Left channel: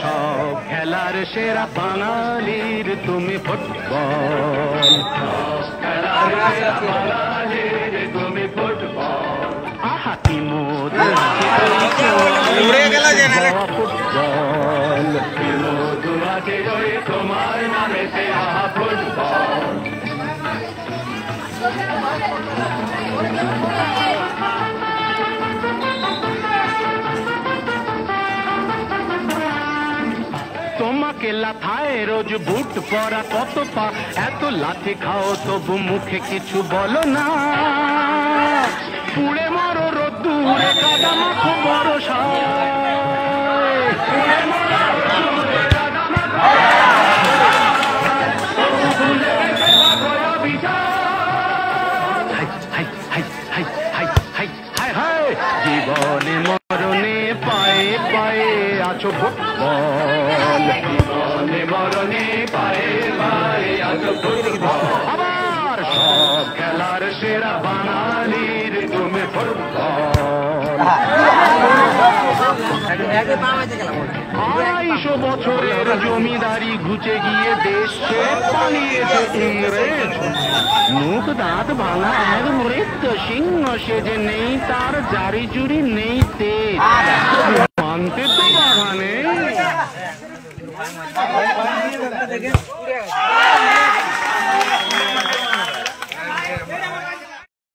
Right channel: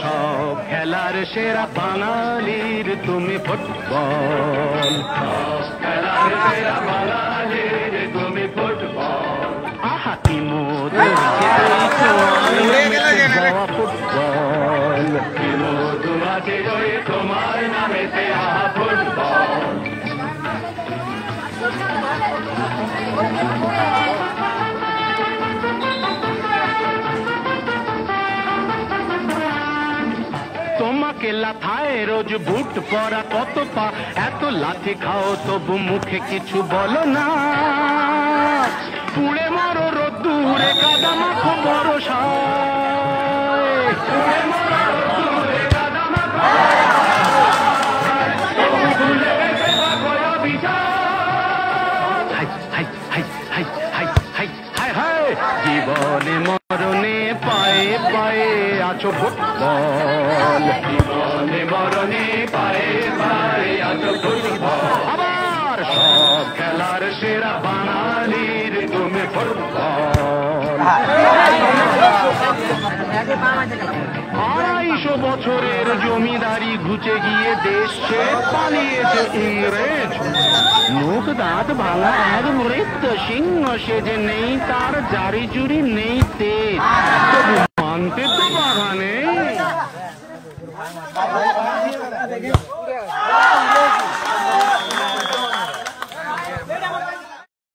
সব খেলার সেরা বাঙালির তুমি ফুটবল, সব খেলার সেরা বাঙালির তুমি ফুটবল। আহা কি মধু আছে ওই তোমার ফুটবল, কি মধু আছে ওই তোমার নামেতে আহা ফুটবল। তোমাকে লাথায় রোজ বুট পরা কত পা, এত লাথি খাও তবু মুখে কিছু বলো না। পুড়ে মরো রোদ্দুরে কাদা মাখো বরসায়, পুড়ে মরো রোদ্দুরে কাদা মাখো বরসায়, তবু ভুলে গেছে থাকো অবিচার। High high high high high high high high, জীবনে মরণে পায়ে পায়ে আছো ফুটবল, জীবনে মরণে পায়ে পায়ে আছো ফুটবল। আবার সব খেলার সেরা বাঙালির তুমি ফুটবল। 250 বছরের জমিদারি ঘুচে গিয়ে দেশ ছেড়ে পালিয়েছে ইংরেজ। মুখ দাঁত ভাঙা এক মৃত্যু সিংহ সেজে, নেই তার জারি জুরি নেই তেজ, তবু মানতে তো বাধা নেই।